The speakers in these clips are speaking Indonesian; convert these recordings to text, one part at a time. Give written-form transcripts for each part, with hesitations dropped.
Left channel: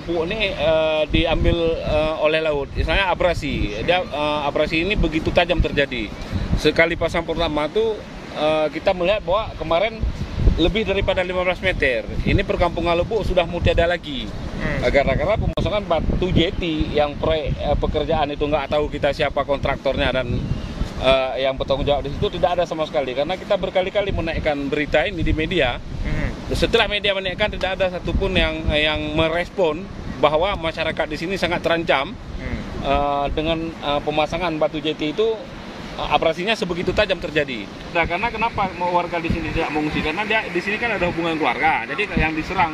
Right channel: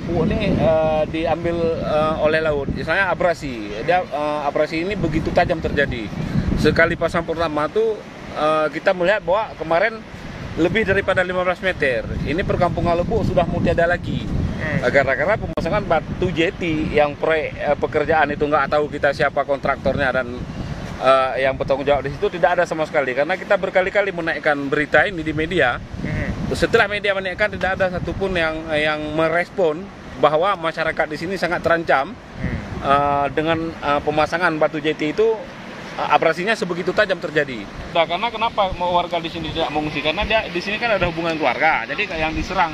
lumpur ini diambil oleh laut. Misalnya abrasi. Dia abrasi ini begitu tajam terjadi. Sekali pasang pertama tuh kita melihat bahwa kemarin lebih daripada 15 meter. Ini perkampungan Lubuk sudah mau tiada lagi. Karena pemasangan batu jeti yang proyek pekerjaan itu nggak tahu kita siapa kontraktornya dan yang bertanggung jawab di situ tidak ada sama sekali. Karena kita berkali-kali menaikkan berita ini di media. Setelah media menaikkan tidak ada satupun yang merespon bahwa masyarakat di sini sangat terancam dengan pemasangan batu jeti itu. Abrasinya sebegitu tajam terjadi. Nah, karena kenapa warga di sini tidak mengungsi? Karena dia di sini kan ada hubungan keluarga. Jadi yang diserang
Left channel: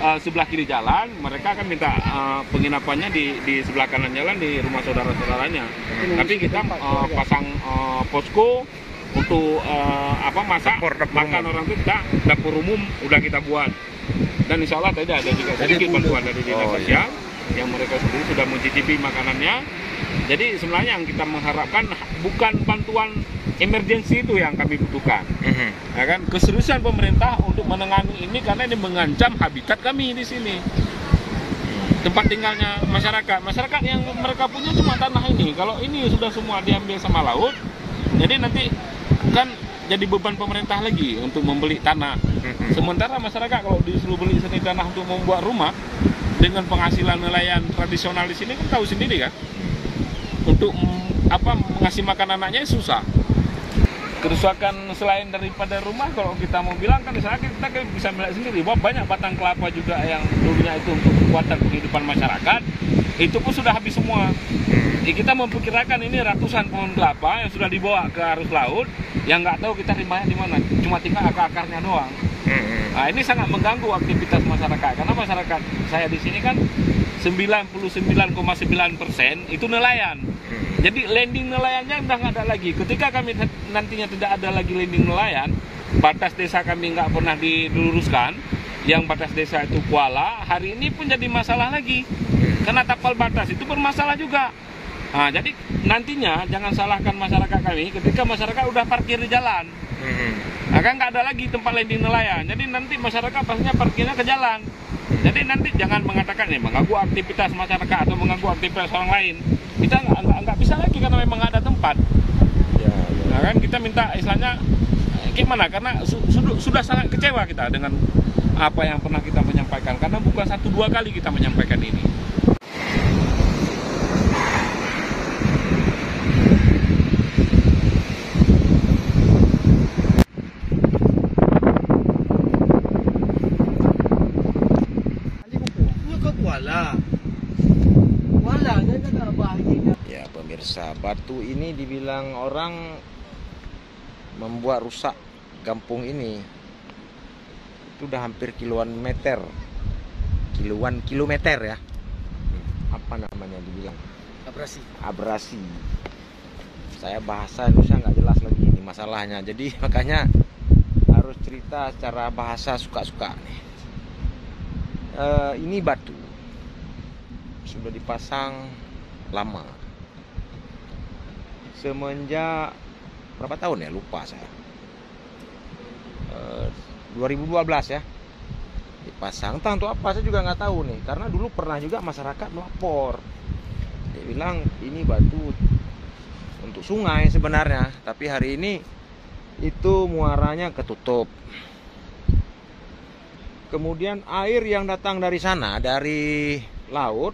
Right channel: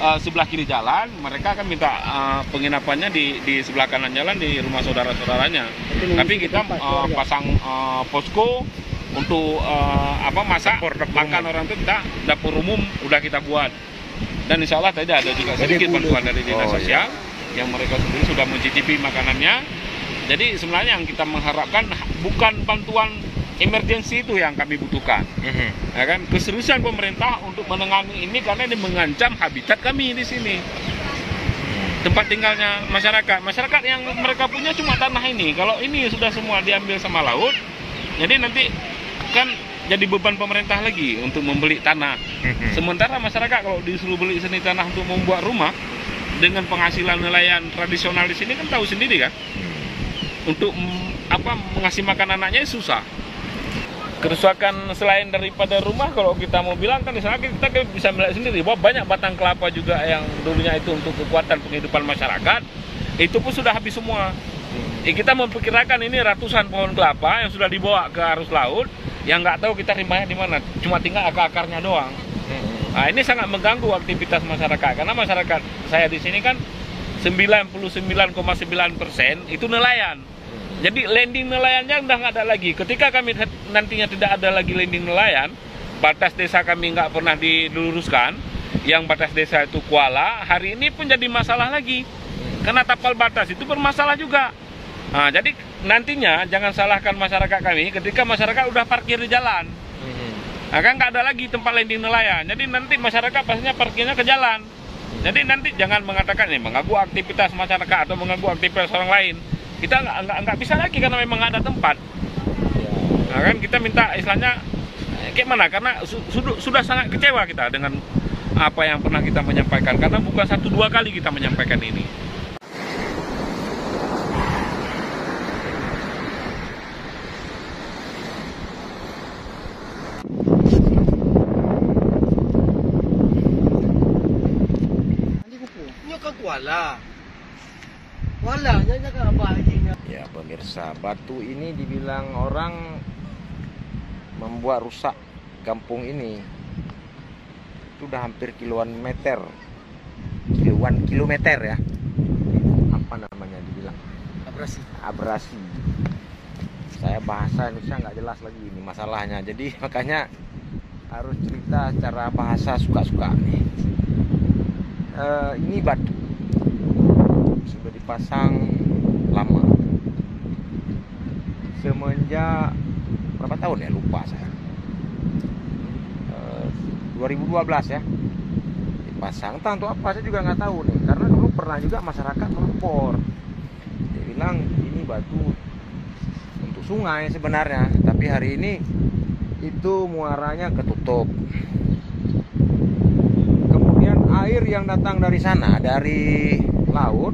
sebelah kiri jalan, mereka akan minta penginapannya di sebelah kanan jalan di rumah saudara-saudaranya. Tapi kita pasang posko untuk masak makan orang itu, kita dapur umum udah kita buat. Dan insya Allah tadi ada juga sedikit bantuan dari dinas sosial yang mereka sendiri sudah mencicipi makanannya. Jadi sebenarnya yang kita mengharapkan bukan bantuan emergensi itu yang kami butuhkan, ya kan? Keseriusan pemerintah untuk menangani ini karena ini mengancam habitat kami di sini, tempat tinggalnya masyarakat. Masyarakat yang mereka punya cuma tanah ini. Kalau ini sudah semua diambil sama laut, jadi nanti kan jadi beban pemerintah lagi untuk membeli tanah. Sementara masyarakat kalau disuruh beli seni tanah untuk membuat rumah dengan penghasilan nelayan tradisional di sini kan tahu sendiri kan. Untuk mengasih makan anaknya susah. Kerusakan selain daripada rumah, kalau kita mau bilang kan di sana kita bisa melihat sendiri bahwa banyak batang kelapa juga yang dulunya itu untuk kekuatan penghidupan masyarakat, itu pun sudah habis semua. Kita memperkirakan ini ratusan pohon kelapa yang sudah dibawa ke arus laut, yang nggak tahu kita rimanya di mana, cuma tinggal akar-akarnya doang. Nah, ini sangat mengganggu aktivitas masyarakat, karena masyarakat saya di sini kan 99,9% itu nelayan. Jadi landing nelayannya udah nggak ada lagi. Ketika kami nantinya tidak ada lagi landing nelayan, batas desa kami nggak pernah diluruskan, yang batas desa itu Kuala, hari ini pun jadi masalah lagi. Karena tapal batas itu bermasalah juga. Nah, jadi nantinya jangan salahkan masyarakat kami ketika masyarakat udah parkir di jalan. Nah, kan nggak ada lagi tempat landing nelayan. Jadi nanti masyarakat pastinya parkirnya ke jalan. Jadi nanti jangan mengatakan ini mengganggu aktivitas masyarakat atau mengganggu aktivitas orang lain. Kita nggak bisa lagi karena memang nggak ada tempat. Nah, kan kita minta istilahnya gimana? Karena sudah sangat kecewa kita dengan apa yang pernah kita menyampaikan. Karena bukan 1-2 kali kita menyampaikan ini. Ya pemirsa, batu ini dibilang orang membuat rusak kampung ini. Itu udah hampir kiloan kilometer ya. Apa namanya dibilang? Abrasi. Saya bahasa Indonesia nggak jelas lagi ini masalahnya. Jadi makanya harus cerita secara bahasa suka-suka nih. Ini batu sudah dipasang lama, semenjak berapa tahun ya, lupa saya, 2012 ya dipasang. Entah untuk apa saya juga nggak tahu nih, karena dulu pernah juga masyarakat melapor, dia bilang ini batu untuk sungai sebenarnya, tapi hari ini itu muaranya ketutup. Kemudian air yang datang dari sana, dari laut,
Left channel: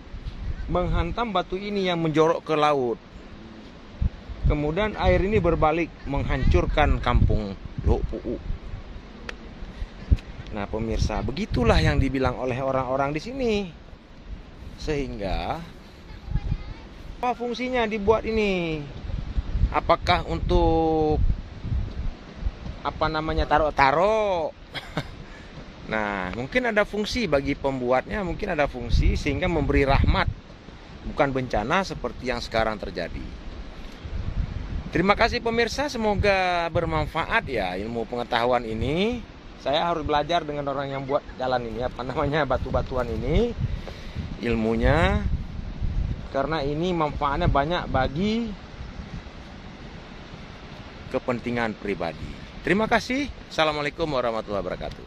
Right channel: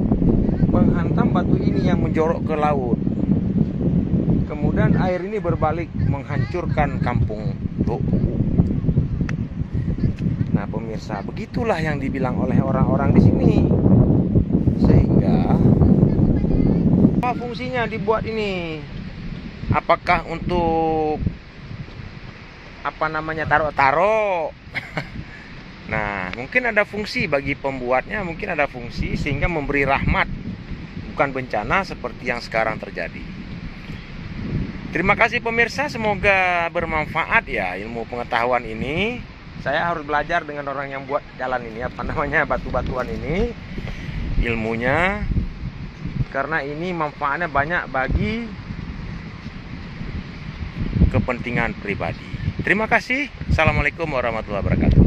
menghantam batu ini yang menjorok ke laut. Kemudian air ini berbalik menghancurkan kampung Lopuu. Nah pemirsa, begitulah yang dibilang oleh orang-orang di sini. Sehingga apa fungsinya dibuat ini? Apakah untuk taruh-taruh? Nah, mungkin ada fungsi bagi pembuatnya, mungkin ada fungsi sehingga memberi rahmat, bukan bencana seperti yang sekarang terjadi. Terima kasih pemirsa, semoga bermanfaat ya ilmu pengetahuan ini. Saya harus belajar dengan orang yang buat jalan ini, batu-batuan ini, ilmunya, karena ini manfaatnya banyak bagi kepentingan pribadi. Terima kasih. Assalamualaikum warahmatullahi wabarakatuh.